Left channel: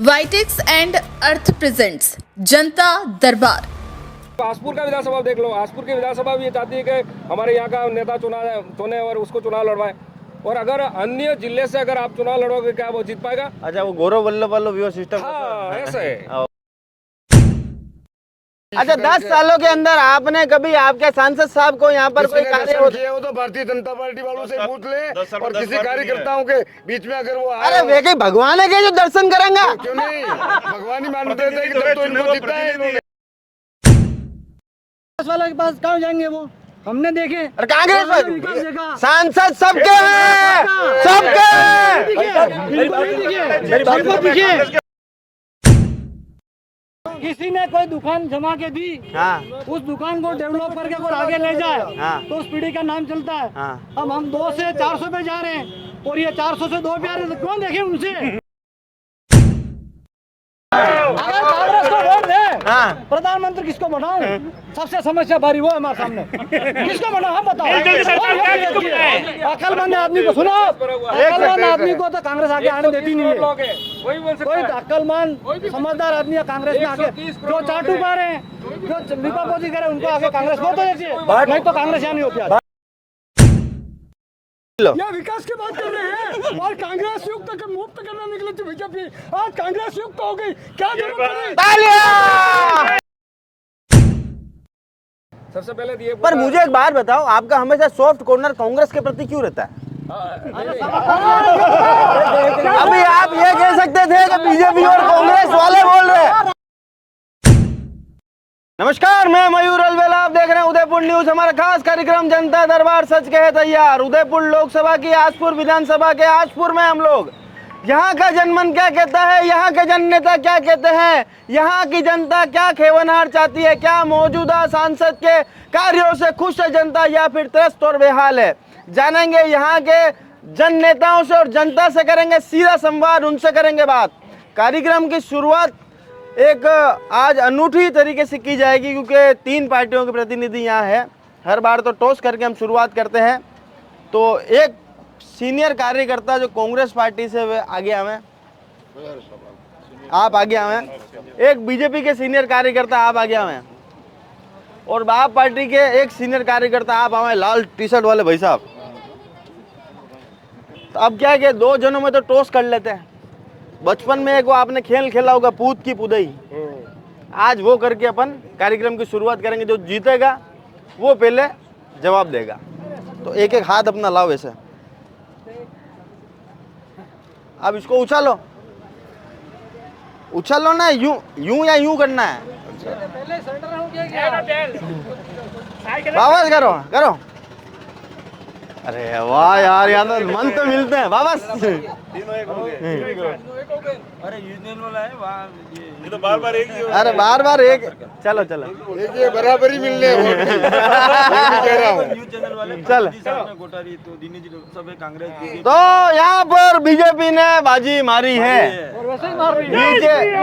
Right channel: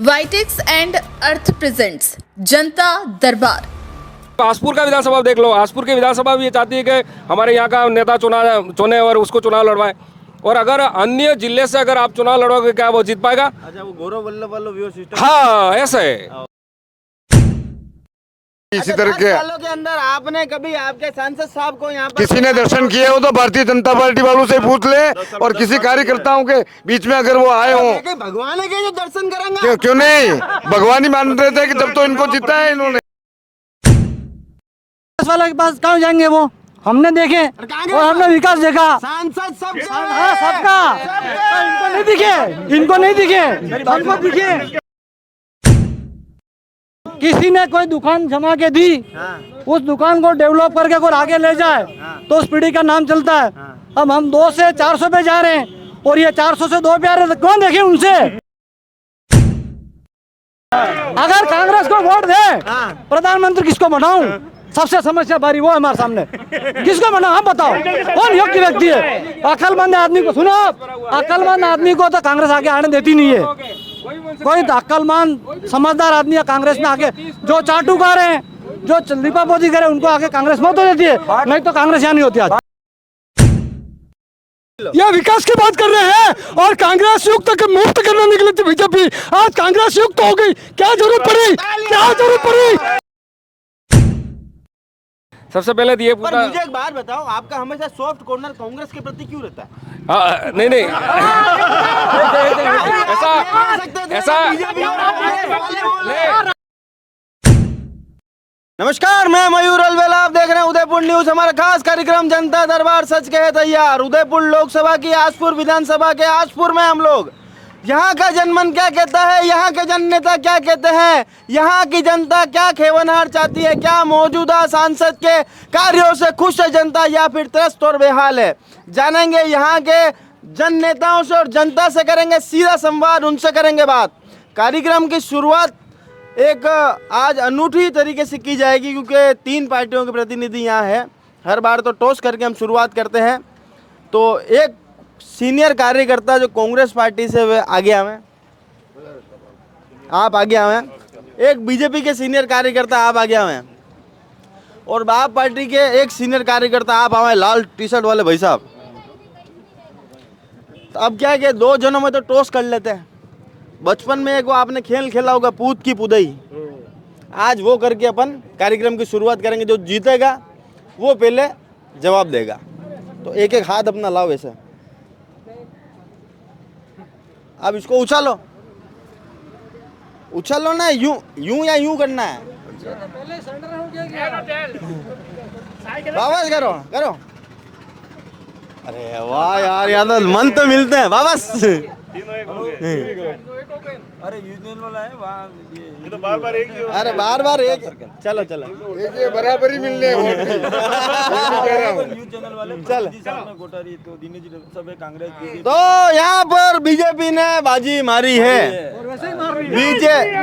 वाइटेक्स and earth presents जनता दरबार। आसपुर का विधानसभा देख लो। आसपुर की विधानसभा भी ये चाहती है कि हमारे यहाँ का नेता चुने और उसको चुनाव लड़वाए। और अगर अन्य जिले से अगर आप चुनाव लड़वाओगे क्या वो जीत पाएगा? अच्छा, वो गौरव वल्लभ वाला व्यू सिस्टम। हाँ, ऐसा है। अच्छा, 10 सालों के अंदर आपने कभी आपके सांसद साहब को यहाँ पर किसी ने दर्शन किए हो तो भारतीय जनता पार्टी वालों से पूछ ले, और किसी कार्यकर्ताओं के बीच में अगर वो आए हो। भगवान है के जो दर्शन करेंगे? क्यों नहीं, भगवान ही मान रहे थे कि जब तो इनको जीता है इन्होंने। वाला के पास कहाँ जाएंगे वो? हमने देखे, हमने विकास देखा। सांसद सबके हैं, सबके दिखे, इनको नहीं दिखे, सबको दिखे। किसी ने कोई दुकान जमा के दी, उस दुकान को डेवलप करके कोई आगे ले जाए तो उस पीढ़ी का नाम चलता है। अब हम 2 से 400 पे जा रहे हैं और ये 400 से 2 पे आ रहे हैं, तो कौन देखे उनसे? अगर कांग्रेस को वोट दे, प्रधानमंत्री किसको बनाऊं? सबसे समस्या भारी वो है हमारे सामने। किसको बनाऊं आप बताओ? कौन योग्य व्यक्ति है? अक्लमंद आदमी को सुनो, अक्लमंद आदमी को तो कांग्रेस आगे आने देती नहीं है। कोई अक्लमंद समझदार आदमी है कांग्रेस में आगे, जो चाटुकार है, जो दीपापोती करे, उनको आगे कांग्रेस मत हो देती है, नहीं तो कांग्रेस यहाँ नहीं होती। आज यह विकास की बात कर रहे हैं और कांग्रेस युक्त के मुक्त करने निकले थे बीजेपी। आज कांग्रेस युक्त हो गई, क्या जरूरत पड़ी? क्या जरूरत पड़ी? सबसे पहले तो ये पर मुझे एक बात बताओ, आपका हमेशा सॉफ्ट कॉर्नर कांग्रेस के प्रति क्यों रहता है? नहीं अभी आप ये कह सकते थे कि बीजेपी और कांग्रेस वाले बोल रहे हैं। नमस्कार, मैं मयूर अलवेला, आप देख रहे हैं उदयपुर न्यूज। हमारा खास कार्यक्रम जनता दरबार सच कहे तैयार। उदयपुर लोकसभा की आसपुर विधानसभा के आसपुर में हम लोग, यहाँ का जनमन क्या कहता है, यहाँ के जन नेता क्या कहते हैं, यहाँ की जनता क्या खेवनहार चाहती है, क्या मौजूदा सांसद के कार्यों से खुश है जनता या फिर त्रस्त और बेहाल है, जानेंगे यहाँ के जन नेताओं से और जनता से करेंगे सीधा संवाद, उनसे करेंगे बात। कार्यक्रम की शुरुआत एक आज अनूठी तरीके से की जाएगी क्योंकि 3 पार्टियों के प्रतिनिधि यहाँ है। हर बार तो टॉस करके हम शुरुआत करते हैं, तो एक सीनियर कार्यकर्ता जो कांग्रेस पार्टी से वे आगे आए, आप आगे आए, एक बीजेपी के सीनियर कार्यकर्ता आप आगे आए, और आप पार्टी के एक सीनियर कार्यकर्ता आप आए, लाल टी शर्ट वाले भाई साहब। तो अब क्या है कि 2 जनों में तो टॉस कर लेते हैं। बचपन में एक वो आपने खेल खेला होगा, पूत की पुदई, आज वो करके अपन कार्यक्रम की शुरुआत करेंगे। जो जीतेगा वो पहले जवाब देगा। तो एक एक हाथ अपना लाओ ऐसे, अब इसको उछालो, उछालो ना, यूं यूं या यूं करना है। वापस करो करो। अरे वाह यार, यार मन तो मिलते हैं वापस। अरे यूनियन वाला है वहाँ, ये तो बार-बार एक ही। अरे बार-बार एक, चलो चलो, ये बराबरी मिलने वोट की। चल कांग्रेस तो यहाँ पर बीजेपी ने बाजी मारी है। बीजेपी,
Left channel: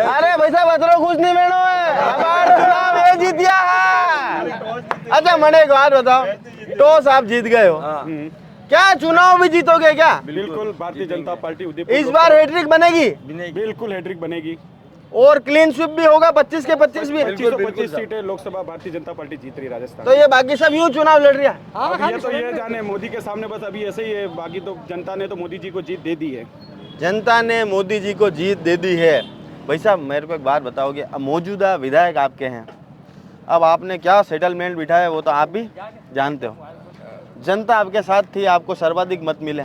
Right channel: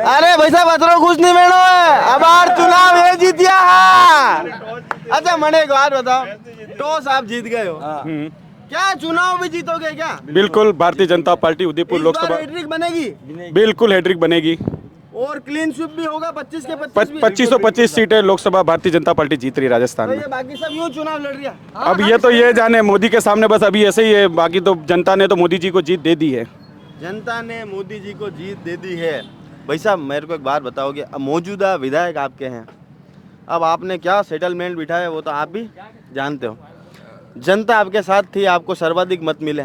अरे भाई साहब अतरो कुछ नहीं मेनो है, हमार चुनाव ये जीतिया है। अच्छा मने एक बात बताओ, टॉस आप जीत गए हो, क्या चुनाव भी जीतोगे क्या? बिल्कुल, भारतीय जनता पार्टी उदयपुर इस बार हैट्रिक बनेगी? बिल्कुल हैट्रिक बनेगी और क्लीन स्वीप भी होगा, 25 के 25 भी। 2525 सीटें लोकसभा भारतीय जनता पार्टी जीत रही राजस्थान तो में। ये बाकी सब यूं चुनाव लड़ रही है। अब ये तो ये जाने, मोदी के सामने बस अभी ऐसे ही है, बाकी तो जनता ने तो मोदी जी को जीत दे दी है। जनता ने मोदी जी को जीत दे दी है। भाई साहब मेरे को एक बात बताओगे, अब मौजूदा विधायक आपके हैं, अब आपने क्या सेटलमेंट बिठाया वो तो आप भी जानते हो। जनता आपके साथ थी, आपको सर्वाधिक मत मिले,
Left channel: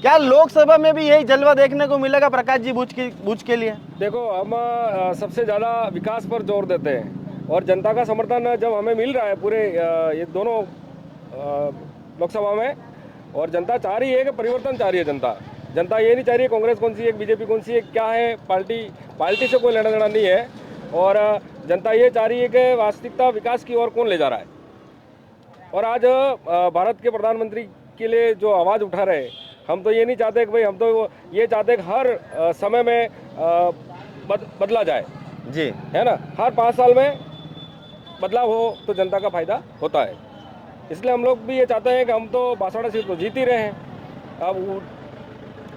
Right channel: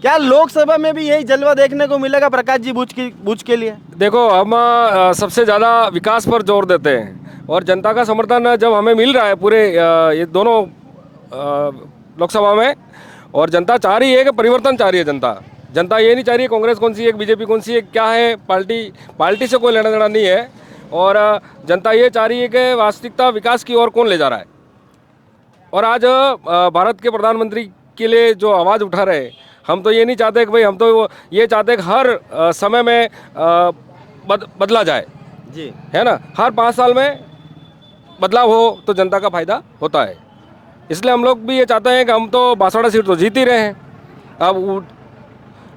क्या लोकसभा में भी यही जलवा देखने को मिलेगा प्रकाश जी बुच के लिए? देखो, हम सबसे ज़्यादा विकास पर जोर देते हैं और जनता का समर्थन जब हमें मिल रहा है पूरे ये दोनों लोकसभा में, और जनता चाह रही है कि परिवर्तन चाह रही है। जनता ये नहीं चाह रही है कांग्रेस कौन सी है, बीजेपी कौन सी है, क्या है, पार्टी से कोई लेना देना नहीं है। और जनता ये चाह रही है कि वास्तविकता विकास की ओर कौन ले जा रहा है। और आज भारत के प्रधानमंत्री के लिए जो आवाज़ उठा रहे हैं, हम तो ये नहीं चाहते कि भाई, हम तो ये चाहते हैं कि हर समय में बदला जाए जी, है ना। हर 5 साल में बदलाव हो तो जनता का फायदा होता है। इसलिए हम लोग भी ये चाहते हैं कि हम तो 62 सीट तो जीत ही रहे हैं। अब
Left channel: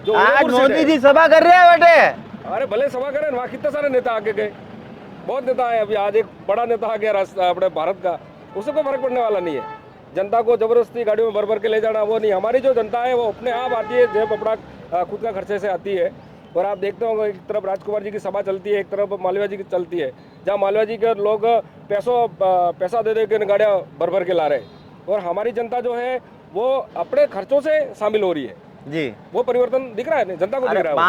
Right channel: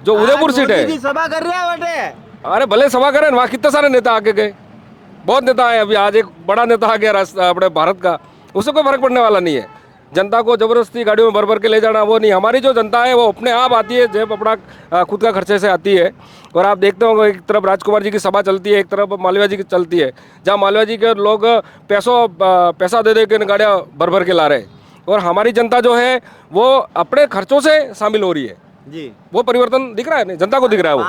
जो उदयपुर सीट है, मोदी जी सभा कर रहे हैं बेटे, अरे भले सभा करें, वहाँ कितने सारे नेता आके गए, बहुत नेता आए। अभी आज एक बड़ा नेता आ गया अपने भारत का, उससे कोई फर्क पड़ने वाला नहीं है। जनता को जबरदस्ती गाड़ियों में भर भर के ले जाना वो नहीं। हमारी जो जनता है वो अपने आप आती है, जब अपना खुद का खर्चे से आती है। और आप देखते हो एक तरफ राजकुमार जी की सभा चलती है, एक तरफ मालवीय जी की चलती है, जहाँ मालवीय जी के लोग पैसा दे दे के गाड़ियाँ भर भर के ला रहे हैं। और हमारी जनता जो है वो अपने खर्चों से शामिल हो रही है जी। वो परिवर्तन दिख रहा है, जनता को दिख रहा है वो।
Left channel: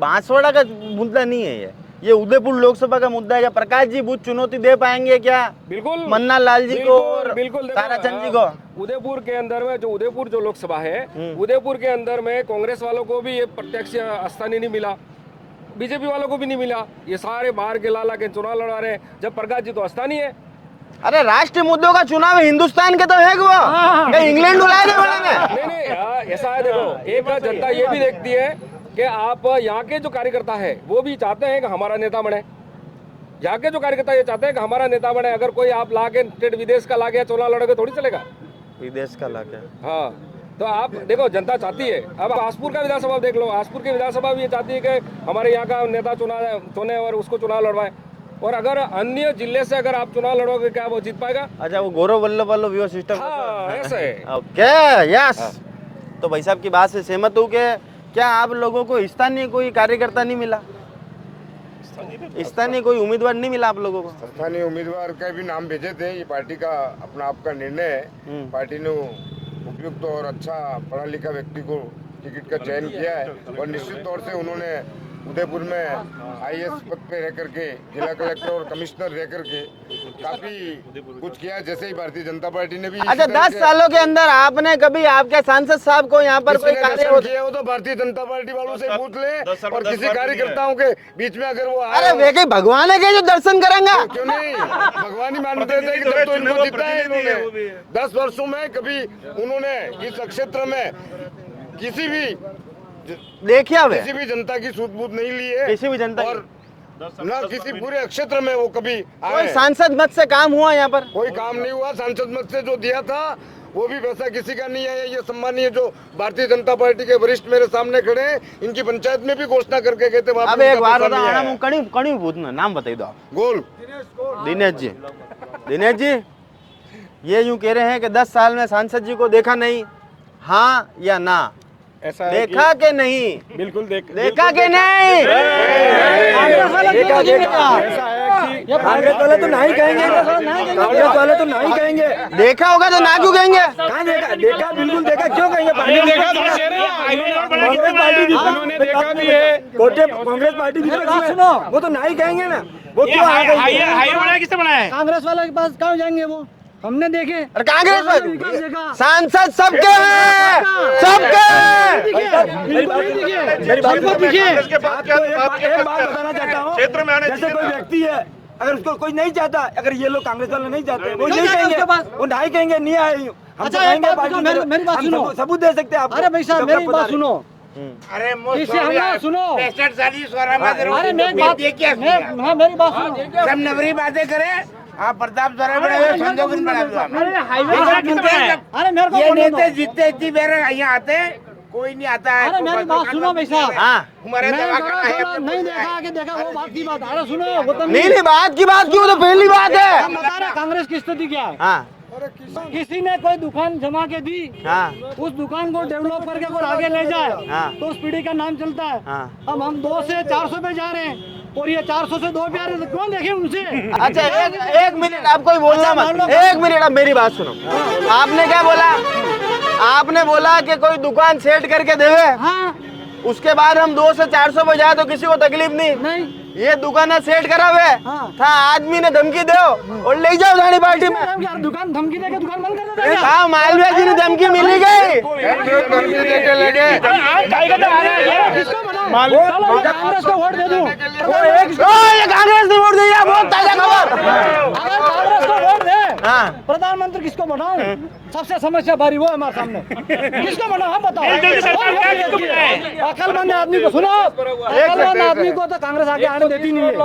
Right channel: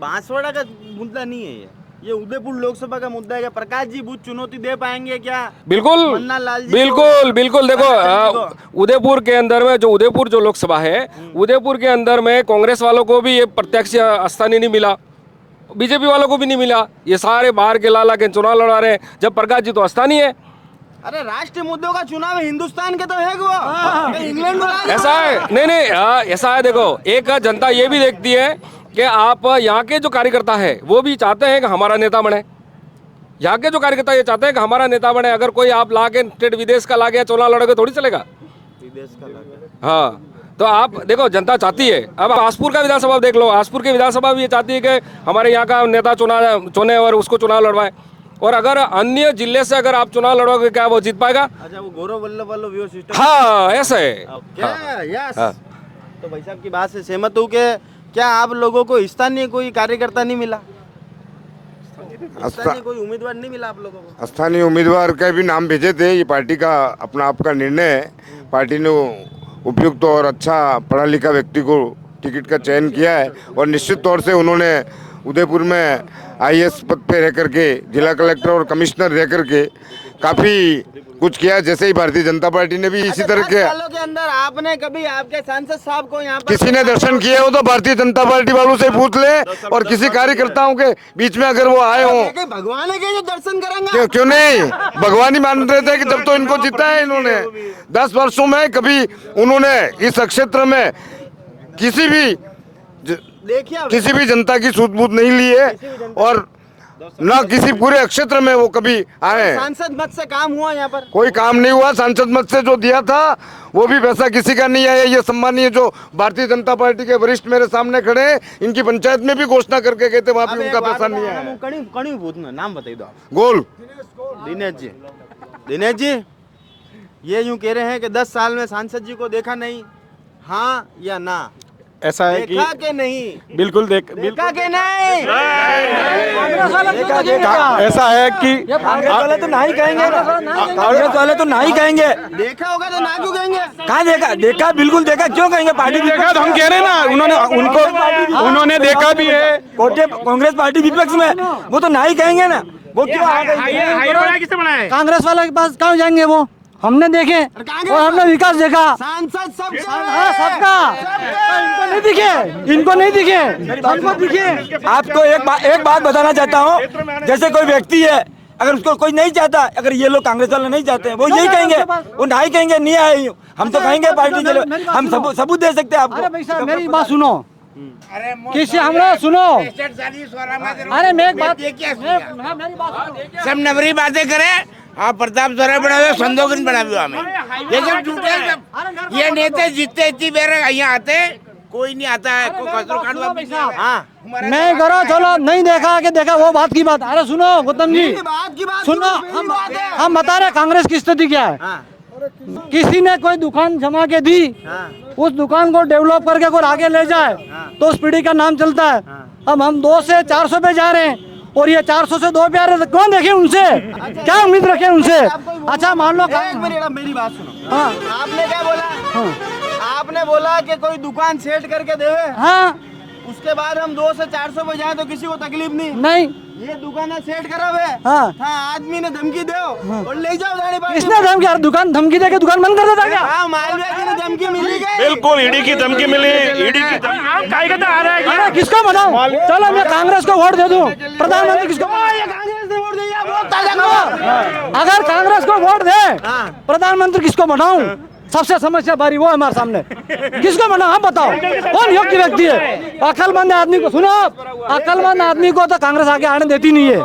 बांसवाड़ा का मुद्दा नहीं है ये उदयपुर लोकसभा का मुद्दा है। क्या प्रकाश जी बुद्ध चुनौती दे पाएंगे क्या? बिल्कुल मन्ना लाल जी बिल्कुल देखो उदयपुर के अंदर में जो उदयपुर जो लोकसभा है, उदयपुर के अंदर में कांग्रेस वालों को भी ये प्रत्यक्ष स्थानीय नहीं मिला, बीजेपी वालों को भी नहीं मिला। ये सारे बाहर के लाला के चुनाव लड़ा रहे हैं, जब प्रकाश जी तो स्थानीय है। अरे राष्ट्रीय मुद्दों का चुनाव हिंदुस्तान के तो है वो, इंग्लैंड ऐसा है नहीं ऐसा है। देखो एक जनता ये भी देखती है कि आप यहाँ के जो कार्यकर्ता है वो भी चाहते हैं कि हमारा नेता बने। यहाँ के जो कार्यकर्ता ये चाहते हैं कि हमारा नेता बने। अगर कोई आप ला के स्टेट विदेश का ला गया चुनाव लड़ोगे थोड़ी चलेगा, विदेश का ला के। हाँ तो आप देखो जनता चाहती है। अब आसपुर का विधानसभा देख लो, आसपुर की विधानसभा भी ये चाहती है कि हमारे यहाँ का नेता चुने और उसको चुनाव लड़वाए। और अगर अन्य जिले से अगर आप चुनाव लड़ोगे क्या वो जीत पाएगा? अच्छा वो गौरव वल्लभ वाला व्यू सिस्टम। हाँ ऐसा है। Okay yes. तो भाई साहब की बात से सहमत हूँ कि क्या आप लोगों को स्थानीय कोई कार्यकर्ता नहीं मिला, स्थानीय कोई उम्मीदवार नहीं मिला आप लोगों को? स्थानीय उम्मीदवार का भी नाम भेजे थे। ये पार्टी का अपना आपका निर्णय है। पार्टी ने उपयुक्त और अच्छा पढ़ा लिखा व्यक्ति को टिकट का चयन किया है और निश्चित तौर से उन्होंने उदयपुर में आईएएस पद पे रह करके, जिला कलेक्टर और कमिश्नर रह करके काफी कुछ किया। जैसे ही भारतीय जनता पार्टी ने भी इसी तरह के 10 सालों के अंदर आपने कभी आपके सांसद साहब को यहाँ पर किसी ने दर्शन किए हो तो भारतीय जनता पार्टी वालों से पूछ ले, और किसी कार्यकर्ताओं के बीच में अगर वो आए हो। भगवान है जो दर्शन करेंगे? क्यों नहीं, भगवान ही मान रहे थे कि जब तो इनको जीता है इन्होंने 10 वर्षों में कभी उन्होंने इस क्षेत्र में किसी भी जनता की सूझबूझ नहीं ली है और ना किसी पूरे क्षेत्र में वो कभी आए। सांसद मत से काम हुआ यहाँ पर? कोई काम नहीं हुआ। सांसद मत से जो दिया था वो भी पैसा किसी का नहीं है। ये सम्मानीय जो भारतीय जनता पार्टी के वरिष्ठ मेरे सामने खड़े, इनकी पंचायत में भी घोषणा करके कहते वहाँ पे नाम बताइए दो आप। गोल दिनेश जी ये यूँ कह रहे हैं कि 10 साल में सांसद जी को देखा नहीं, हाँ या ना? ऐसा है देखा के नहीं? बिल्कुल देखा के नहीं? ऐसा है कि कांग्रेस वाले तो नहीं कहेंगे, कांग्रेस वाले तो नहीं कहेंगे। देखा होगा तो ना क्यों कहेंगे? कहाँ देखा? देखा बिल्कुल देखा, क्यों कहेंगे? पार्टी हम कह रहे हैं ना, उन्होंने देखा भी है। कांग्रेस पार्टी विपक्ष में, वो तो नहीं कहेंगे ना। वो किसने बनाया? कांग्रेस वाले के पास कहाँ जाएंगे? वो हमने देखे, कांग्रेस हमने विकास देखा। सांसद सबके सबके दिखे, इनको नहीं दिखे, आपको दिखे। आपको एक बात बताना चाहता हूँ, जैसे कोई व्यक्ति है, अगर उसको कोई नहीं चाहता, अगर ये लोग कांग्रेस वाले नहीं चाहते, वो ये कहेंगे, वो नहीं कहेंगे नहीं आए। हम तो कहेंगे पार्टी, हम सबूत दे सकते हैं आपको। अरे भाई साहब मेरी बात सुनो, किसी हमरा सुनो, अरे मेरी बात सब नवरी बातें करें। आप प्रताप जोरा बढ़ावे, संदोगन बढ़ावे हमें। ये नेता जितने इतनी बार यहाँ आते, कोई नहीं आता है। नहीं करो, चलो नहीं देखा कि देखा, वो बात की बात। अरे सुनो गौतम जी, बात की बात सुनो, पहली बात है हम बता रहे कांग्रेस की स्थिति क्या है। किसी ने कोई दुकान जमा के दी, उस दुकान को डेवलप करके कोई आगे ले जाए तो उस पीढ़ी का नाम चलता है। अब हम 2 से 400 पे जा रहे हैं और ये 400 से 2 पे आ रहे हैं, कौन देखे उनसे? क्या उम्मीद रखे उनसे? अच्छा मान लो, एक मिनट मेरी बात सुनो। आपने क्या बोला? आपने बोला कि कोई दुकान सेट करके देवे, हाँ, उसके बाद हम 2 से 400 पे जाए तो किसी को तकलीफ नहीं। ये दुकान सेट करावे, हाँ, था आदमी ने धमकी दो और ले जाओ धानी पार्टी में। धमकी? दुकान धमकी देके दुकान बंद कर देता है। हाँ, मालवीय जी ने धमकी मिली गई, बिल्कुल ईडी की धमकी मिली। किसको बनाओ? चलो मैं कांग्रेस को वोट दे दूं, प्रधानमंत्री किसको? ये कांग्रेस ने वोट दिया, बहुत ताजा खबर। अगर कांग्रेस को वोट दे, प्रधानमंत्री किसको बनाऊं? सबसे समस्या भारी वो है हमारे सामने, किसको बनाओ आप बताओ? कौन योग्य व्यक्ति है? अक्लमंद आदमी को सुनो, अक्लमंद आदमी को तो कांग्रेस आगे आने देती नहीं है।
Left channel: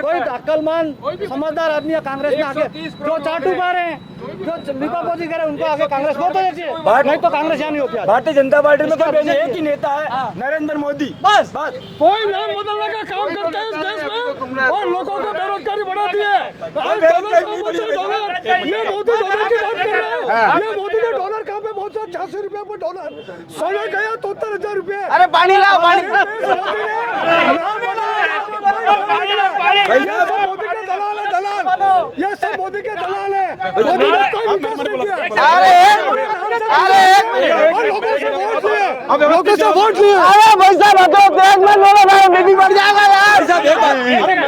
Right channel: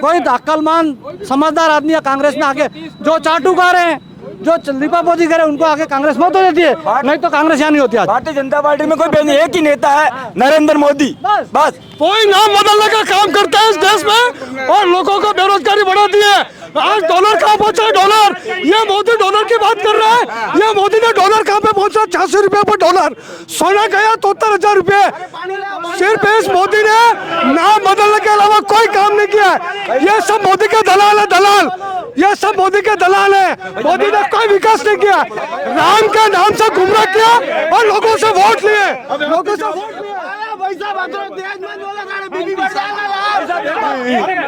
कोई अक्लमंद समझदार आदमी कांग्रेस में आके जो चाटुकार हैं जो दीपा मोदी करे उनको आगे कांग्रेस मत देती है, नहीं तो कांग्रेस यहाँ नहीं होती आज। भारतीय जनता पार्टी में कोई एक ही नेता है, नरेंद्र मोदी। बस बस कोई नाम बदलने का काम करता है इस देश में और लोगों को बेरोजगारी बढ़ा दी है। आज डॉलर कहाँ पहुंचा? डॉलर, ये मोदी डॉलर की बात कर रहे हैं। ये मोदी का डॉलर कहाँ पे पहुंचा? 86 रुपए पर डॉलर। सोना गया 73,000 रुपए। सिर्फ इस मोदी ने नाम बदलने के अलावा कोई काम नहीं किया। ये सब मोदी के दलाल है, दलाल। ये सब मोदी के दलाल है। मोदी ने कोई विकास नहीं किया, राम के नाम से गुमराह किया और लोगों से वोट लिए, लोगों से वोट लिए। अरे भाई साहब देश में बोलो भाई बीबी बढ़ जाएगा यार।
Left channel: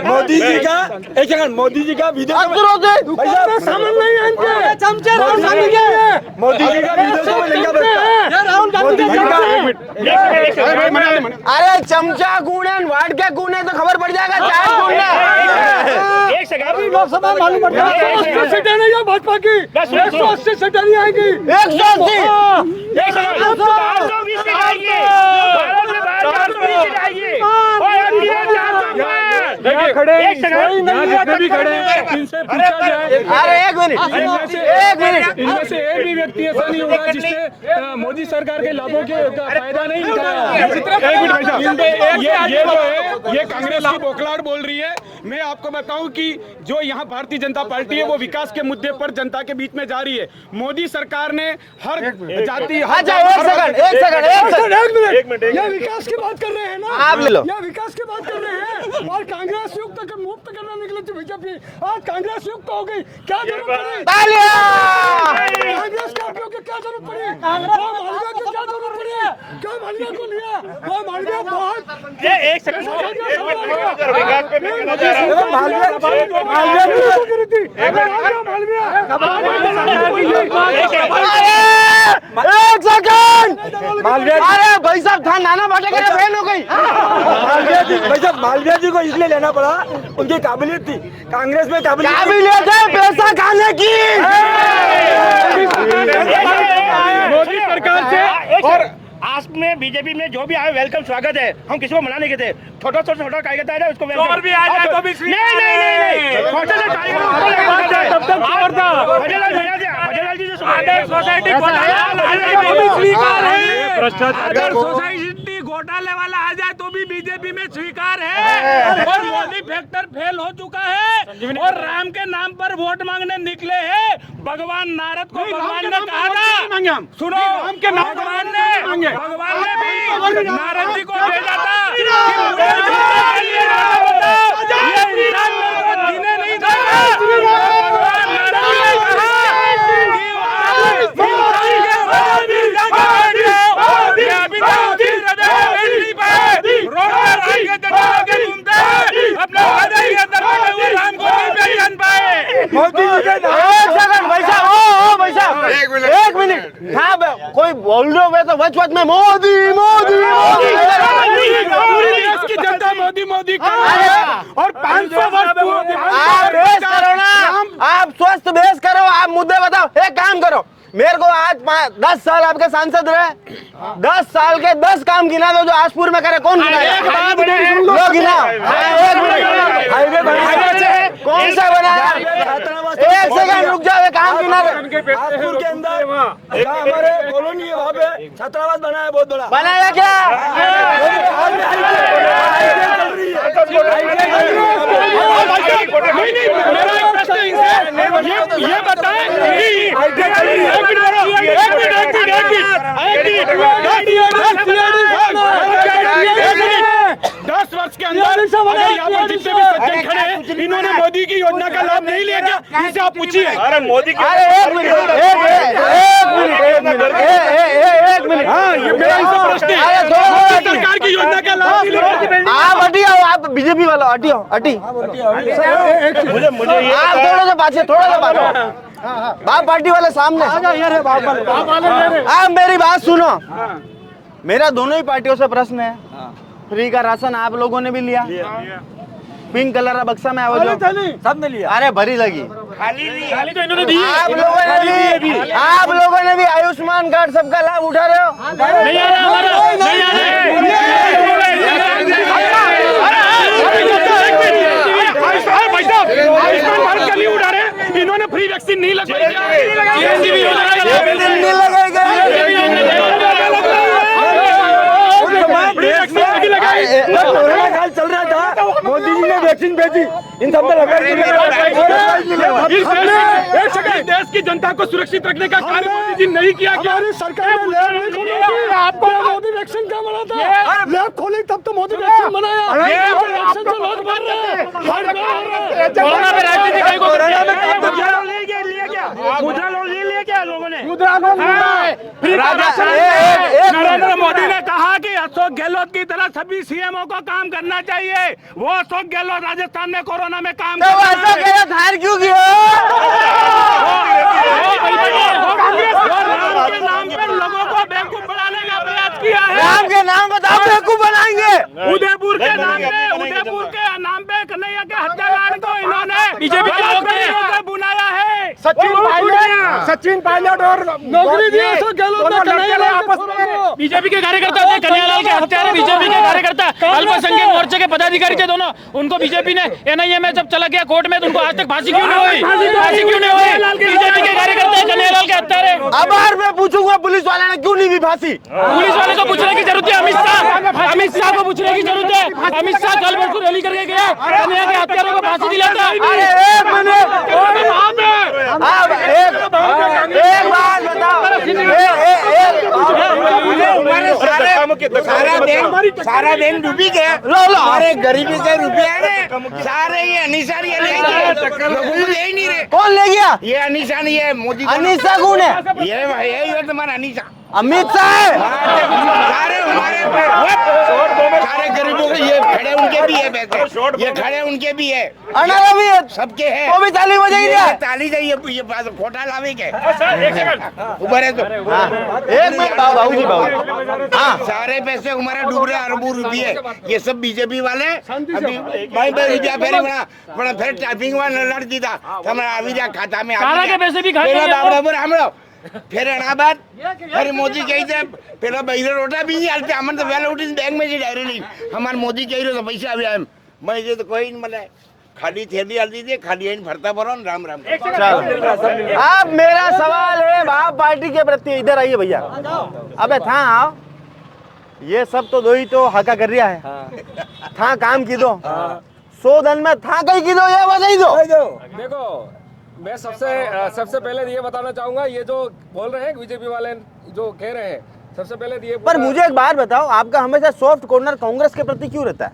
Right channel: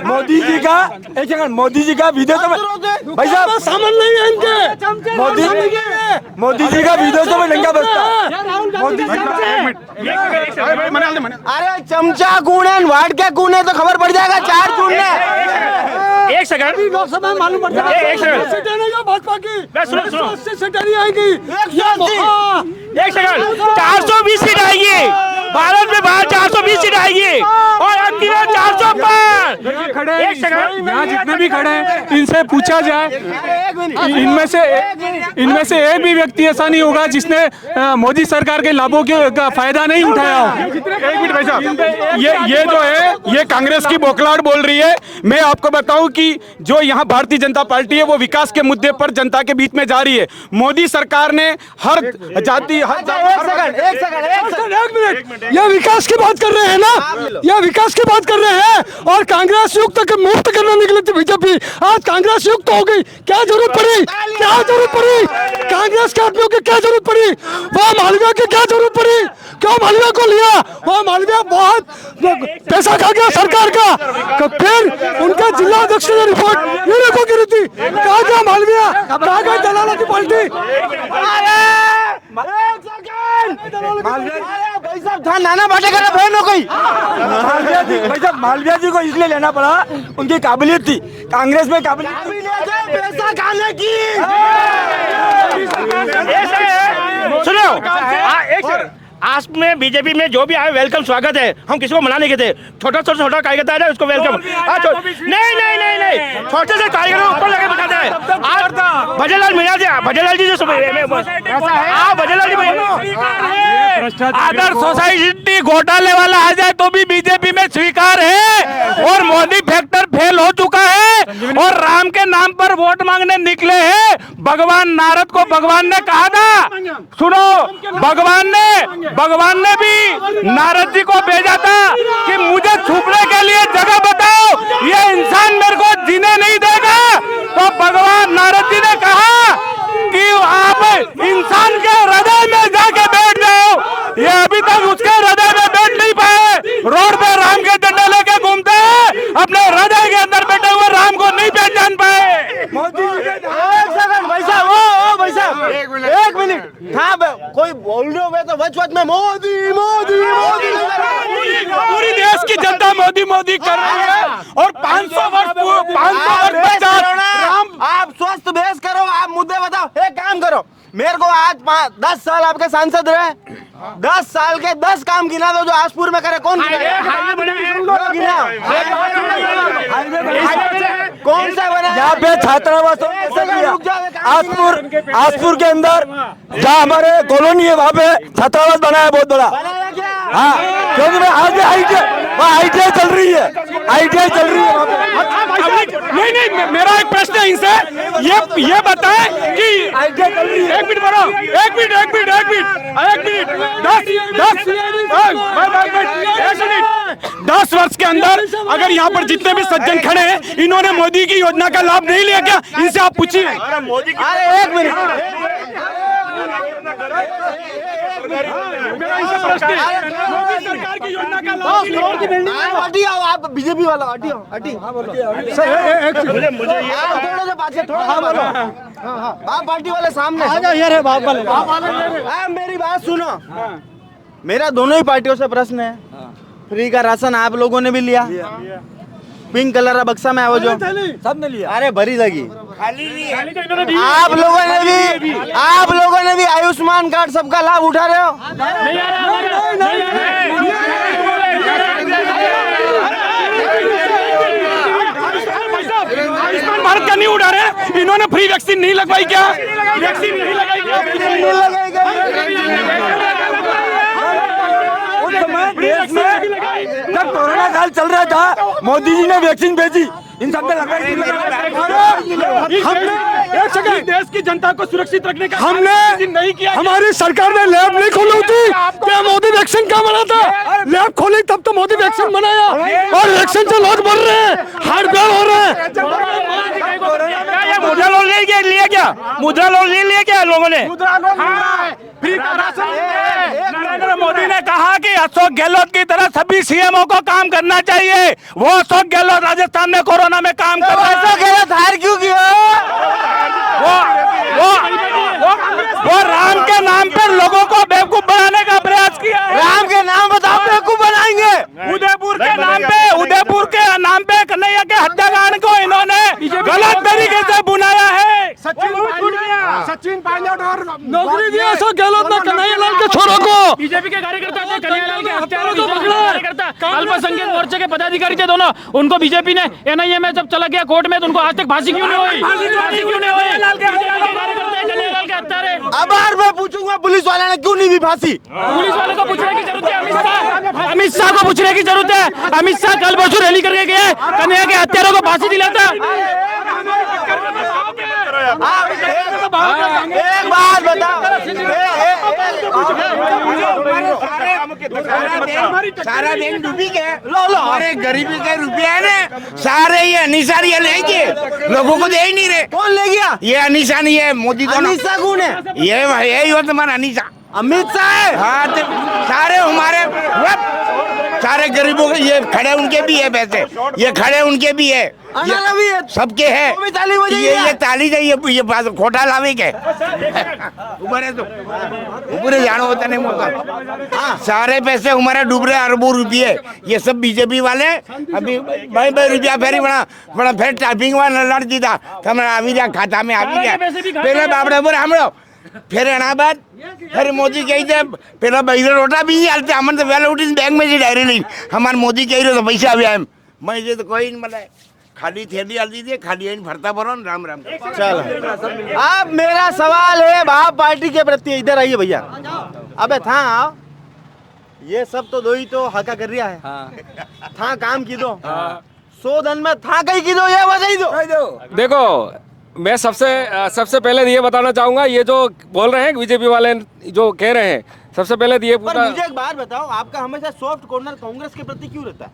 मोदी जी का एक सेकंड, मोदी जी का वीडियो भाई साहब समझ नहीं है इनके चमचे राहुल गांधी के, मोदी जी का वीडियो तो मैं नंगा बचता। राहुल गांधी अरे चमचा कौन है, वाट के कौन है तो खबर पड़ जाएगा 4 जून में। एक सेकंड, लोकसभा मालूम पड़ जाएगा। सीटें नहीं है भाजपा की, 180 सीटें नहीं आएगी। 180 एक सेकंड, 420 सीट आएगी भारत में, बाहर 420 सीट आएगी और हम 405। एक सेकंड, यहाँ जितने भी खड़े हैं इनसे पूछा जाए, अरे एक मिनट, इनमें से एक भी व्यक्ति ऐसा नहीं होगा जिसने मोदी सरकार के लाभों का फायदा नहीं उठाया हो। ये जो है ये कांग्रेस की बौखलाहट बोल रही है। मैं आपको बताऊं कि जो यहाँ भारतीय जनता पार्टी है वो विकास के मुद्दे पर जनता के बीच में जा रही है। मोदी सरकार ने हर जाति एक मिनट, ये विकास की बात कर रहे हैं ना, ये विकास की बात कर रहे हैं और कांग्रेस युक्त के मुक्त करने निकली थी बीजेपी। आज कांग्रेस युक्त हो गई, क्या जरूरत पड़ी? क्या जरूरत पड़ी? कांग्रेस के आदमियों की क्या जरूरत पड़ी? वो मालवीय की क्या जरूरत पड़ी? क्यों मालवीय को लिया? वो मालवीय बहुत पैसा खा गया सरकार का, तो फिर उनका जिला अध्यक्ष ने रिपोर्ट नहीं को करी थी। कहा गया मालवीय, एक सेकंड, अरे भाई साहब थोड़ा नाना पाटेकर की बहन हो गई। मालवीय जी को इसलिए लेना पड़ा, उनकी काबिलियत थी, कांग्रेस में काबिलियत है पैसा खाने की। सुनो, आस में बीजेपी में जो भी आए वेलकम, स्वागत है। हम किसी को मना नहीं कहते, छोटा से छोटा कार्यकर्ता है उसको वेलकम। नहीं, छोटे से कार्यकर्ता भजनलाल मीणा जी, भजनलाल जी जो अगर सोसाइटी घोटाले वाला आ जाए तो भी बीजेपी में स्वीकार है। और मोदी फैक्टर फेल हो चुका है और राम के नाम पर वोट मांगने निकले हैं। भगवान नारद को भगवान ने कहा था, सुनो, भगवान ने भी नारद जी को भेजा था कि मुझे छुपने के लिए जगह बताओ, ये इंसान मेरे को जीने नहीं देगा। तो भगवान नारद जी ने कहा कि आप इंसान के हृदय में जाके बैठ जाओ। ये अभी तक उसके हृदय में बैठ नहीं पाए, रोड पे राम के झंडा लेके घूमते हैं, अपने हृदय के अंदर बैठे हुए राम को नहीं पहचान पाए। मोदी जी के एक मिनट, हाँ कोई बोल रहे हो तो वच में मोदी मोदी मोदी, पूरी देश की जनता मोदी मोदी कर रही है और 500 आप बेस करो ना, आप स्वस्थ बेस करो, आप मुद्दे बताओ। एक काम करो, मेरे को आज 10 साल आपके सांसद रहे, 10 साल के 10 काम गिना दो जो आसपुर में करे। कौन गिना? गिना हाईवे कौन सा बनाया? छात्रावास। एक सेकंड रुक जाओ, आसपुर के अंदर जहाँ हमारे कॉलोनी है वहाँ पे छात्रावास बनाया, बहुत बड़ा बनाया क्या? क्योंकि आगे ITI चल रही है, ITI चल रही है। नहीं, मेरा एक प्रश्न है इनसे, ये बताएं कि दस वर्ष के अंदर अगर यहाँ पर जितने भी सज्जन खड़े हैं इन्होंने मोदी की योजना का लाभ नहीं लिया क्या? इनसे आप पूछिए। अरे मोदी एक मिनट, मेरा इनसे प्रश्न है, सरकार की योजना का लाभ नहीं लिया। आप हटी आओ, आप बीजेपी वाला हटी आओ, हटी। मुझे आप थोड़ा सा पाछे, बाप पार्टी वाले सामने। आप मेरी बात सुनो, मेरा दोनों ही पार्टियों से प्रश्न है। फ्री का राशन आप लोगों ने भी लिया, पिंक कलर का बक्सा में है वो जो सब ने लिया। अरे भरी लगी। खाली तो इन्होंने दी। आप लोगों ने भी आयुष्मान कार्ड सबका लाभ उठा रहे हो। आयुष्मान भारत का नहीं उठा रहे, इन्होंने फ्री भी वैक्सीन नहीं लगवाई क्या? कोरोना काल चल रहा था, मोदी जी ने वैक्सीन भेजी, इन सब ने हमने देश की जनता को सुरक्षित रखने का हमने नहीं किया। हमारी सरकार ने लैब नहीं खोली थी, क्या मोदी वैक्सीन क्या बना था? लैब खोली तब तो मोदी वैक्सीन बनाया, और वैक्सीन से लोग मर रहे हैं, हार्ट फेल हो रहे हैं। कोरोना में मुद्रा लोन ले लिया क्या? मुद्रा लोन ले लिया क्या लोगों ने? नरेंद्र मोदी ने कहा कि अशोक गहलोत की तरह सभी सीएमओ को काम करना चाहिए। वो अशोक गहलोत राजस्थान में कोरोना में काम कर रहा है। क्यों किया? वो राम के नाम पर लोगों को बेवकूफ बनाने का प्रयास किया है। राम के नाम बताओ, बेवकूफ बनाएंगे। उदयपुर के नाम पे कन्हैया के हत्याकांड को इन्होंने गलत तरीके से बुनाया है। सचिन पायलट और नौकरी दिया अशोक गहलोत ने कन्हैयालाल के छोरों को। बीजेपी के कार्यकर्ता थे, कन्हैयालाल के हत्यारे बीजेपी के कार्यकर्ता, अल्पसंख्यक मोर्चे के पदाधिकारी थे दोनों। उनको बीजेपी ने एनआईए में जब चला गया कोर्ट में, तो उनको आज तक फांसी क्यों नहीं हुई? फांसी क्यों नहीं हुई? बीजेपी के कार्यकर्ता कन्हैयालाल के हत्यारे। अब बार मैं पूछूंगा, पुलिस वाले ने क्यों नहीं दी फांसी? पुलिस वाले को पूछने की जरूरत है, अमित शाह को पूछने की जरूरत है। अमित शाह कल परसों रैली करके गया, कन्हैया के हत्यारों को फांसी दिलाता। एक बात बताओ, सारा दिन डूबी गया, अरे गरीबी के रुपया है सारे, ये अनिशा ये लेंगे, लोगों को दे ही नहीं रहे। कौन ले गया? ये अनिशा नहीं है, मोदी को। अनिशा कौन है? ये यही हो तुम्हारा अनिशा, अमित शाह है। हाँ, सारे हमारे सारे गरीबों के, ये खड़े उनके भी है पैसे, ये खड़े उनके भी है, अनारा भी है, सबके है। वो भी ताली बजाई ये ताली चाहिए, ये खोटा लावे के ऊपर है तो पूरे जानो होता नहीं। हाँ, सारे पैसे हमारे डूब रहे, अरबों रुपये, ये सब बीजेपी वाले। अभी भाई रुपया फेरी बड़ा फिर टाइपिंग वाला लड़ दी था, हमारा अभी खाता में आ गया। फिर अनाबाद फिर मोदी कही थे, फिर इधर रोटा भी नहीं आते, हमने तो वेल उठी बैंक में जी डायरी नहीं, हमारे मोदी कही रहे तो पैसा भी आए, मैं ये तो कोई नहीं मतलब खाली थैली हल्दी थी, खाली भरता भरो राम राम। अब मेरा सवाल है भाव पार्टी के प्रति, इधर आइए भैया। अबे था आओ, ये सब तो दो ही तो हका कर रहा है, था काम की दो 100 दिन में था कहीं की दो, ये बजाई दो। देखो, मैं सबसे पहले ये बताना चाहूँगा, ये जो बोल रहे हैं बीजेपी वाले जो कह रहे हैं, सबसे पहले ये पर मुझे एक बात बताओ, आपका हमेशा सॉफ्ट कॉर्नर कांग्रेस के प्रति क्यों रहता है?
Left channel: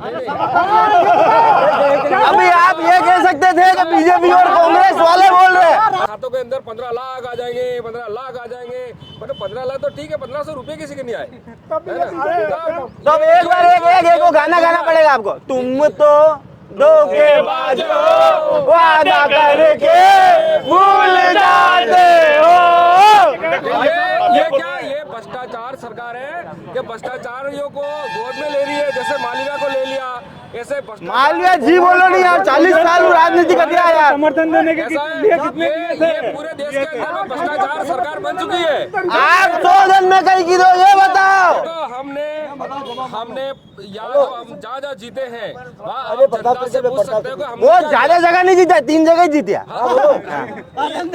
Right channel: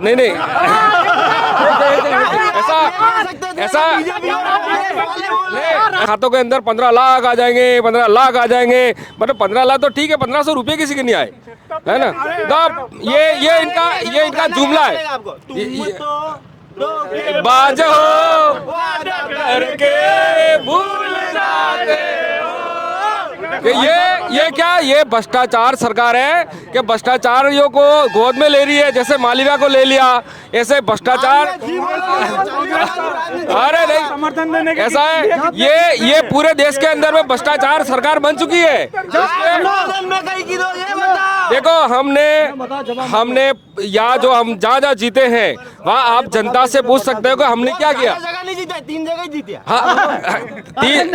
नहीं अभी आप ये कह सकते थे कि बीजेपी और कांग्रेस वाले बोल रहे हैं खातों के अंदर 15 लाख आ जाएंगे, 15 लाख आ जाएंगे, मतलब 15 लाख तो ठीक है, 1500 रुपए किसी के नहीं आए, है ना? तो ये इनका जुमला है। आपको तुम तो बाज हो वादा करके भूल जाते हो। ये क्या, ये भ्रष्टाचार सरकार है कि भ्रष्टाचारियों को गोद में ले रही है, जैसे मालवीय को ले लिया, ऐसे भ्रष्टाचार। जी बोलो नहीं यार, 40 साल राजनीति समर्थन देने के ऐसा है, ये पूरे देश के अंदर में भ्रष्टाचार सरकार बन चुकी है। आप 2 दिन में कहीं की दो, ये बताओ। देखो, हमने यहाँ जो हम जहाँ जीते हैं, वहाँ आप जनता से पूछ सकते हो कि हमने क्या किया। जगह नहीं जीता, 3 जगह जीतिया। हाँ,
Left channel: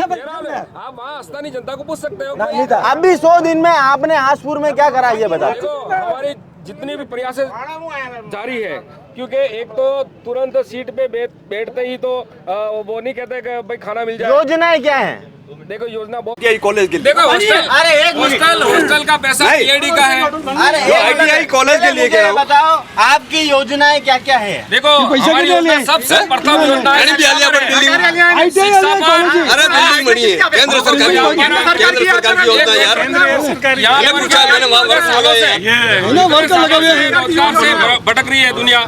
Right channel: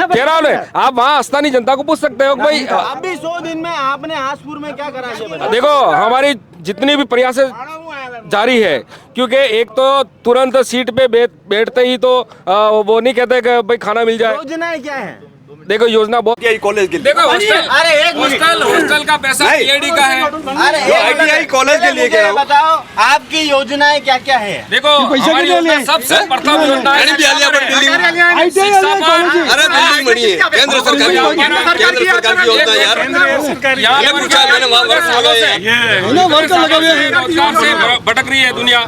13 में आप वहाँ स्थानीय जनता को पूछ सकते हो भाई। अभी 100 दिन में आपने हासपुर में क्या करा, ये बताओ। देखो, हमारी जितनी भी प्रयास जारी है, क्योंकि एक तो तुरंत सीट पे बैठते ही तो वो नहीं कहते कि भाई खाना मिल जाए। योजनाएं क्या है? देखो, योजना बहुत कॉलेज के लिए, देखो हॉस्टल का पैसा ईडी का है। अरे ITI कॉलेज के लिए क्या बताओ, आपकी योजनाएं क्या क्या है? देखो, हमारी योजना सबसे प्रथम योजना है अरे बिल्डिंग बनी है, केंद्र सरकार की योजना यार, ये पूछा मैंने, वहाँ रोजगार से भटक रही है दुनिया।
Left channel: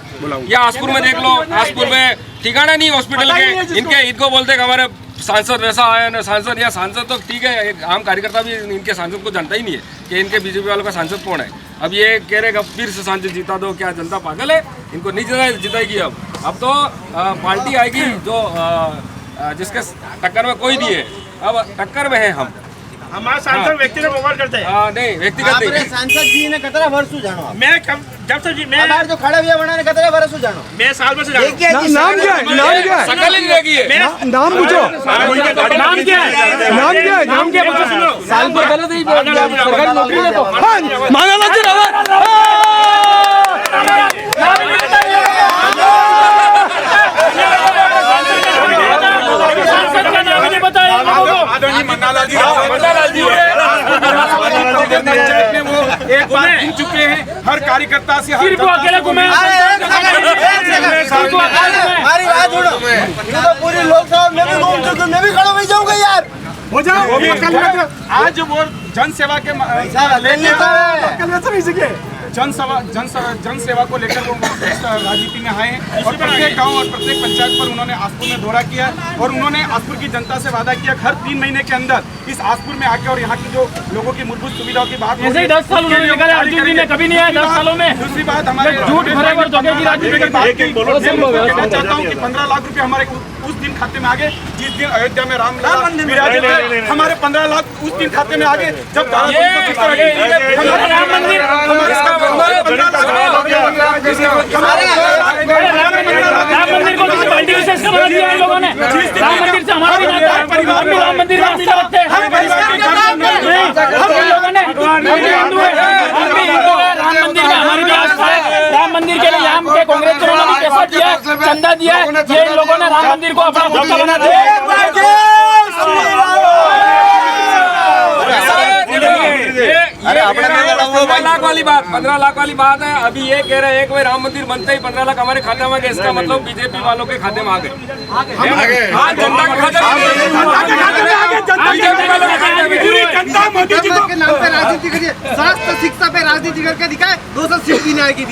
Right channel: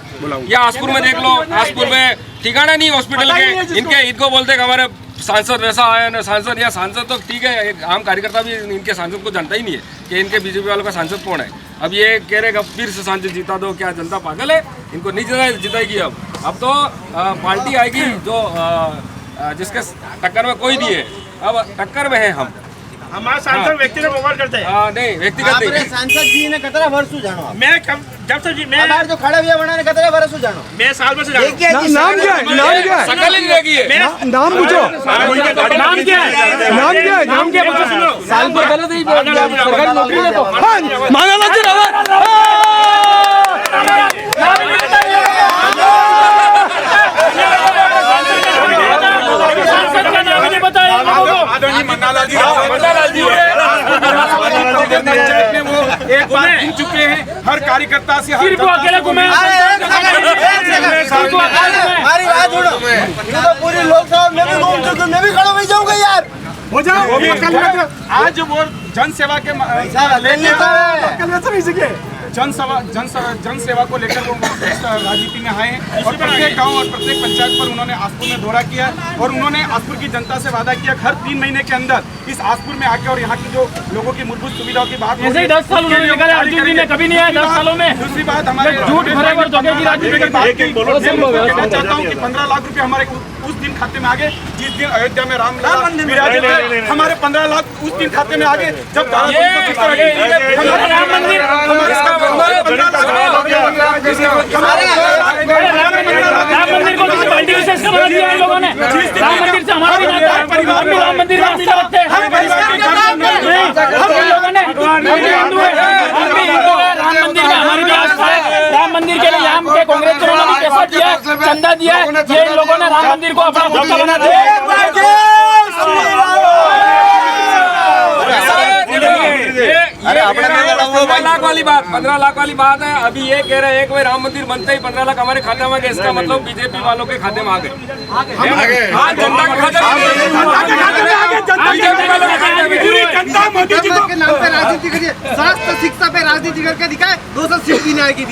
या हासपुर में देख लो, हासपुर में ठिकाना नहीं हॉस्पिटल के, इनको बोलते हैं हमारे सांसद वैसा आया ना, सांसद या सांसद तो ठीक है, एक आम कार्यकर्ता भी इनके सांसद को जानता ही नहीं है कि इनके बीजेपी वालों का सांसद कौन है। अब ये कह रहे कि फिर से सांसद जीता दो, क्या जनता पागल है? इनको नहीं जिताएगी। अब तो पार्टी आएगी जो जिसके टक्कर में कोई नहीं है, अब टक्कर में है हम। हमारा सांसद व्यक्ति ने मोबाइल करते हैं नहीं व्यक्तिगत नहीं सांसद जी ने कतरा वर्षू जानो आप मैं जब से मैं जो खड़ा हुआ बना ने कतरा वर्षू जानो मैं साल भर से जानता हूं। नाम क्या है? नाम क्या है? सकल ही रहेगी ये। नाम पूछो। नाम क्या है? नाम क्या है? नाम क्या पता सुनो साल पर गलत ही सरकारी नौकरी ले तो माना लाजी आदरणीय मन्नालाल जी वो एक बार गिन चुके हैं हर कार्यकर्ता से हर अकेले को मैं हमारी बात सुनो ये तो पूरी लोकसभा में भी घूम चुके मैं भी खड़ा हो जाऊंगा यार हो जाओ आज वो जनसेवा के जनसेवा को लेकर वो इस राजनीति में आए हैं और प्रत्येक गांव और प्रत्येक पंचायत पर उन्होंने आसपुर में दौरा किया और उन्होंने आसपुर की जनता से वादा किया हर 3 महीने के अंदर इस आसपुर में आके और यहाँ की जो लोगों की मूलभूत सुविधाओं की बात ऐसे ही 10 साल उन्होंने निकाले, अर्जुन जी ने कभी नहीं आया 10 सालों में। दूसरी बात हमारे झूठ भरे और धोखे की राजनीति की बात की। कहना चाहता हूँ कि 15 लाख रुपए हमारे उस दिन खाते में आ गए जिस दिन अयोध्या में राम विराजे थे। हमारे 15 लाख उस दिन खाते में आ गए जब राम मंदिर को किसी पार्टी विशेष का बना दिया इन लोगों ने। राम मंदिर से हमारा भी नाता है, हम भी राम मंदिर में आस्था रखते हैं। हम लोगों ने हिंदू है, हम भी हिंदू है, राम मंदिर में हमारी भी आस्था है। राम मंदिर के लिए यहाँ के कांग्रेस ने पैसा दिया, चंदा दिया, ये इन लोगों ने राम मंदिर को अपना धोखा बना दिया। अरे 15 लाख वाली बात 15 लाख वाली बात है। अभी ये कह रहे हैं कि राम मंदिर बनते ही 15 लाख हमारे खाते में आ गए। इसका मतलब बीजेपी वालों के खाते में आ गए। हाँ, जनता के खाते में जनता मोदी जी के नाम पे राजनीति करिए, स्वास्थ्य शिक्षा पे राजनीति करके दिखाए 200 सीट भी नहीं आएगी।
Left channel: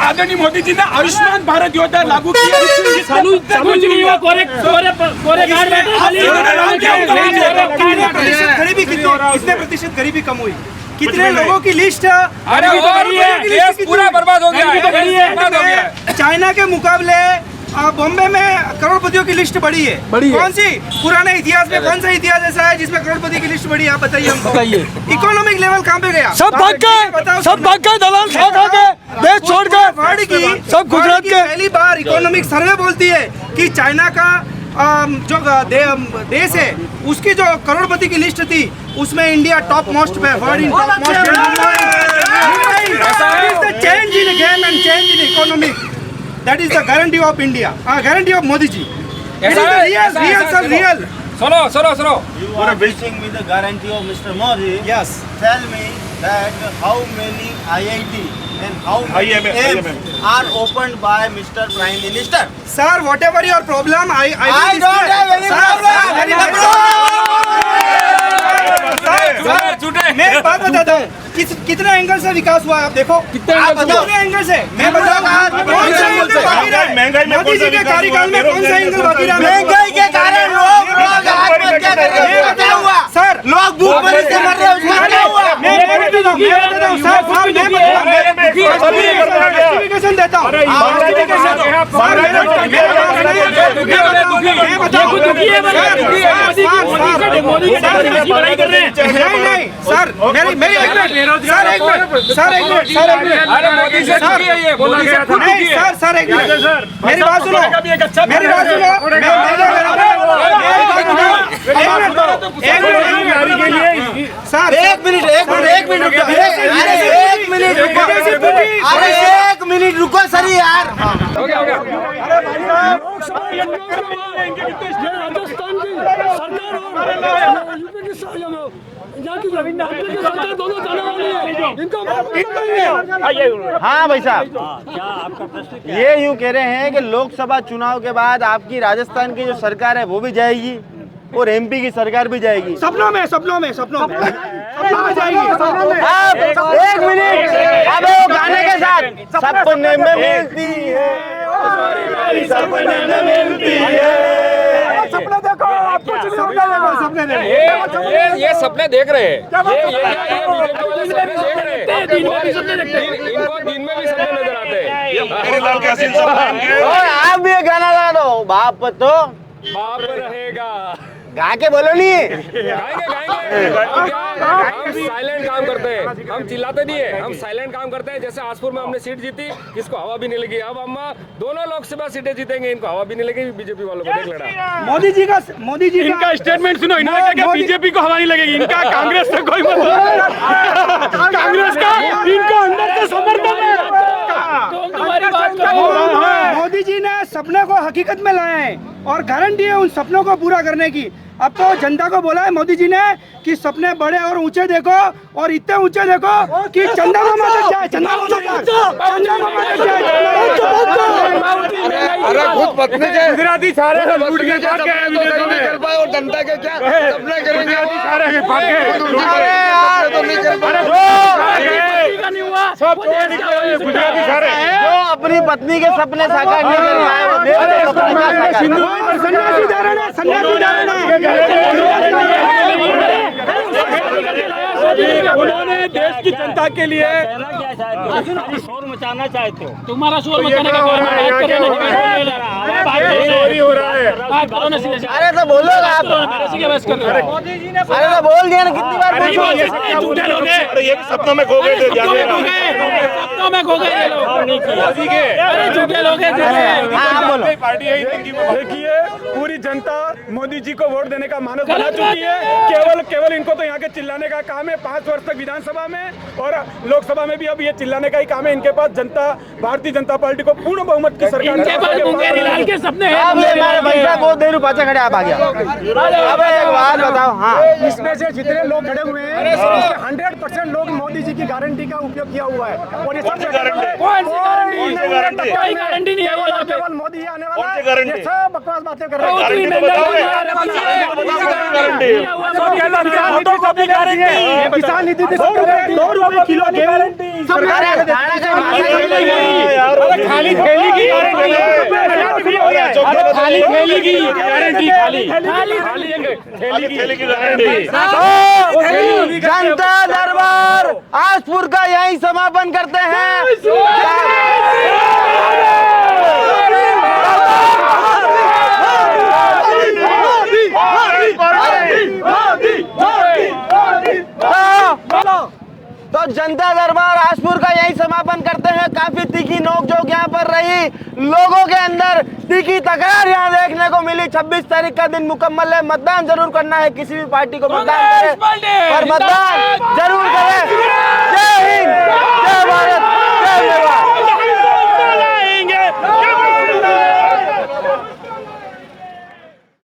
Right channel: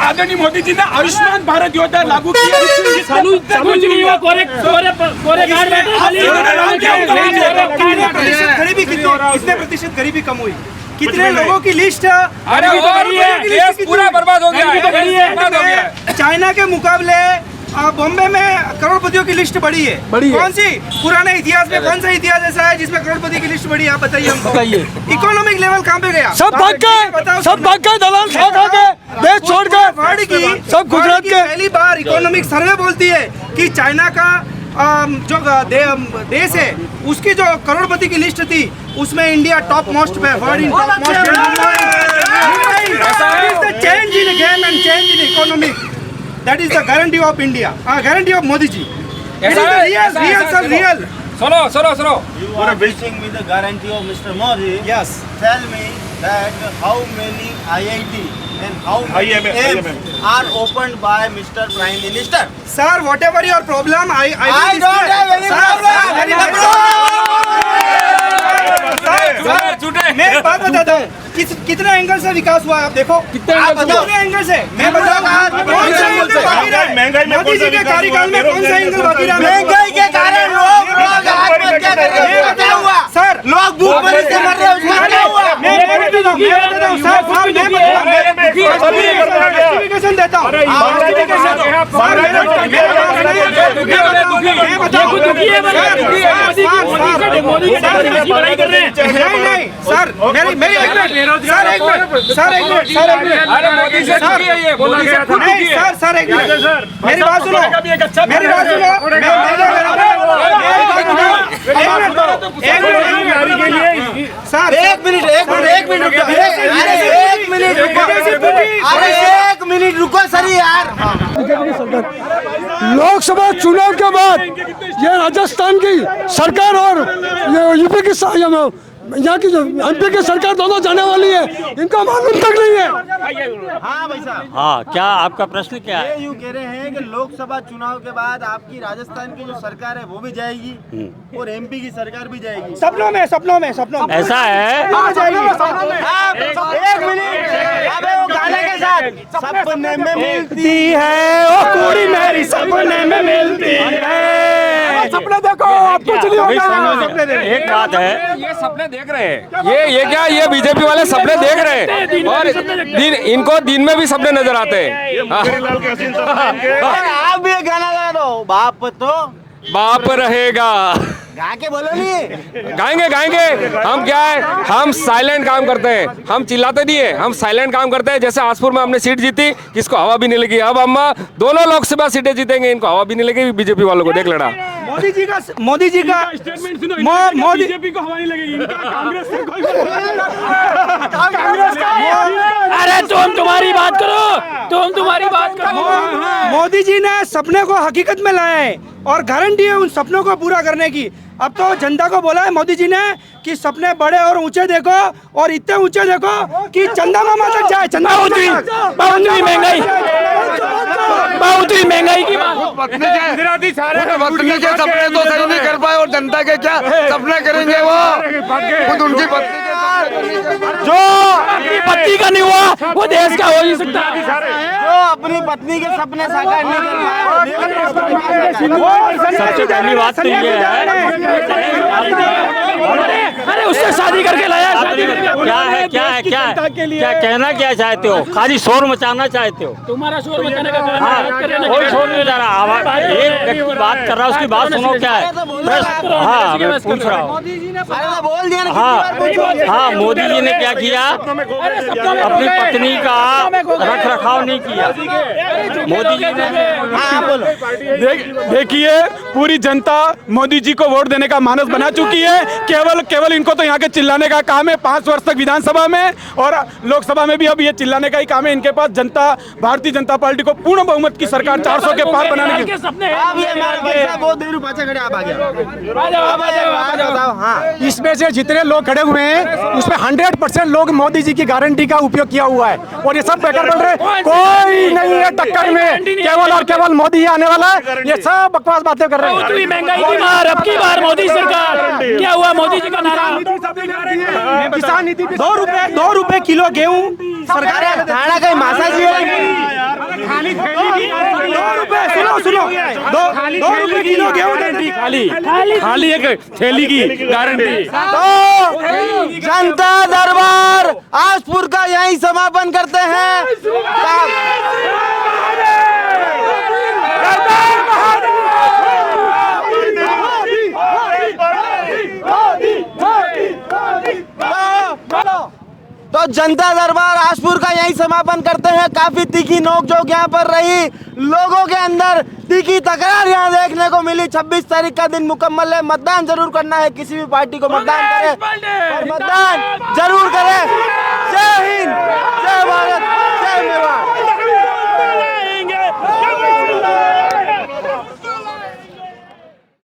आदरणीय मोदी जी ने आयुष्मान भारत योजना लागू किया। गरीबी कितने प्रतिशत गरीबी कम हुई? कितने लोगों की लिस्ट अरे देश पूरा बर्बाद हो गया है। चाइना के मुकाबले बॉम्बे में करोड़पतियों की लिस्ट बढ़ी है। कौन सी पुराने इतिहास में कौन सा इतिहास ऐसा है जिसमें करोड़पति की लिस्ट बढ़ी है? आप बताइए हमको। इकोनॉमिक लेवल कहाँ पे गया? सब भाग गए दलाल खा के देश छोड़ कर वर्ल्ड की सब गुजरात के। पहली बार इकोनॉमिक सर्वे बोलती है कि चाइना का जो देश है उसकी जो करोड़पति की लिस्ट थी उसमें इंडिया टॉप मोस्ट पे world in top most. Change in game and change in economic, that is the guarantee of India, guarantee of Modi ji. It is real. सुनो You are wishing me the guarantee of Mr. Modi. Yes. Tell me that how many IIT and how many AIIMS are opened by Mr. Prime Minister. Sir, whatever your problem, I don't have any problem. मैं एक बात बताता हूँ, कितने angle से विकास हुआ है आप देखो। कितने एंगल से मैं बताऊंगा कौन सा एंगल बाकी रहा? मोदी जी के कार्यकाल में कौन सा एंगल बाकी रहा? महंगाई के कारण लोग आत्महत्या कर रहे हैं। क्या हुआ? सर, लोग भूखमरी से मर रहे हैं, उसका क्या हुआ? मैं जस्टिफिकेशन देता हूँ। नहीं सर, मेरी एक मिनट मेरी बात सुनो। सर एक मिनट रुको सर यार। लोकसभा चुनाव के बाद ये राजस्थान की सरकार और यूपी की यहाँ की एमपी की सरकार दोनों जाने वाली है, इनका मालूम तक नहीं है। हाँ भाई साहब, हाँ, क्या आपका प्रश्न क्या है? ये यूँ कह रहे हैं कि लोकसभा चुनाव के बाद आपकी राजस्थान की जो सरकार है वो भी जाएगी और एमपी की सरकार भी जाएगी। सपनों में ऐसा है? एक मिनट, अबे वो गाने के साथ सपने में मिलती है ओ पूरी मेरी सपने में मिलती है। सपने देखो, कुछ नहीं होता। एक बात है, ये सपने देख रहे हैं, ये क्या, ये बीजेपी वाले सपने देख रहे हैं और इनको दिन में भी सपने नजर आते हैं। और आप भी एक गाना गा दो, बाप तो बाप रहेगा। गा के बोलो नहीं। गाएंगे गाएंगे। हम क्या है, हम साइलेंट काम करते हैं, हम चिल्लाते नहीं है, हम साइलेंट काम करते हैं। जैसे आसपुर में हमने सीट जीती, किसको हवा भी नहीं लगी। अब हम दोनों लोकसभा सीटें जीतेंगे, इनको हवा भी नहीं लगी बीजेपी वालों को, देख लेना। मोदी जी का इनका स्टेटमेंट सुनो, इन्होंने कहा बीजेपी को हवा नहीं लगेगी, इनका कांग्रेस से कोई मतलब कांग्रेस का इनको। अरे तुम तुम्हारी बात करो, तुम तुम्हारी बात करो। मोदी जी ने सपने को हकीकत में लाए हैं और गारंटी है उन सपनों को पूरा करने की। अब तो जनता को बोला है मोदी जी ने कि सपने बड़े और ऊंचे देखो, और इतने ऊंचे देखो कि चंदा मामा तक जाए। चंदा बहुत महंगाई, बहुत महंगाई। खुद पत्नी के पत्नी के सपने तो सही नहीं कर पाए, और जनता के क्या सपने करेंगे वो, खुद उनकी पत्नी के सपने तो नहीं कर पाए। पति का नहीं हुआ वो देश का हो ही सकता है। जो अपनी पत्नी के सपने साकार नहीं कर पाए, वो देश के सपने साकार करेंगे। अरे उससे शादी करके लाया। जनता के लिए क्या कहना क्या चाहते हो? खाली शोर मचाना चाहते हो? तुम्हारा शोर मचाने का बात कर रहा हूँ, उसकी बात सुनो क्या है? अरे तो बोलो आप। अरे तो बोल दिया ना, कितनी बार पूछोगे। हाँ, मोदी जी ने क्या किया? अपनी पत्नी का रखरखाव नहीं किया। हाँ बोलो। देखिए, पूरी जनता मोदी जी को वोट देने का मानस बना चुकी है। केवल इनको तो यहाँ के चिल्लाने का काम है। 5 वर्ष तक विधानसभा में और लोकसभा में भी अब ये चिल्लाने का ही काम है इनके पास। जनता भारतीय जनता पार्टी को पूर्ण बहुमत की सरकार 400 के पार बनाने की। आप ये हमारे भाई साहब बहुत देर पाचा खड़े, आप आ गया। अब एक बात बताओ। हाँ, इसमें से जितने लोग खड़े हुए हैं उसमें 100% लोग मोदी जी की गारंटी का उपयोग किया हुआ है, और ये सब बेकार बोल रहे हैं। कोई नहीं है टक्कर में, केवल और केवल मोदी ही आने वाला है। ये सब बकवास बातें कर रहे हैं। अब की बार मोदी सरकार क्या हुआ? मोदी का किसान निधि 2 रुपए किलो गेहूँ खाली थैली की खाली एक थैली की गारंटी। जनता दरबार आजपुर का यही समापन करते हैं। तो जनता दरबार आजपुर का यही समापन करते हैं। काफी तीखी नोकझोंक यहाँ पर रही, लोगों के अंदर तीखी तकरार यहाँ देखने को मिली। 26 तारीख का दिन मुकम्मल है, मतदान जरूर करना है, किसी भी पार्टी को मतदान करें और मतदान जरूर करें। जय हिंद, जय भारत, जय मेवाड़।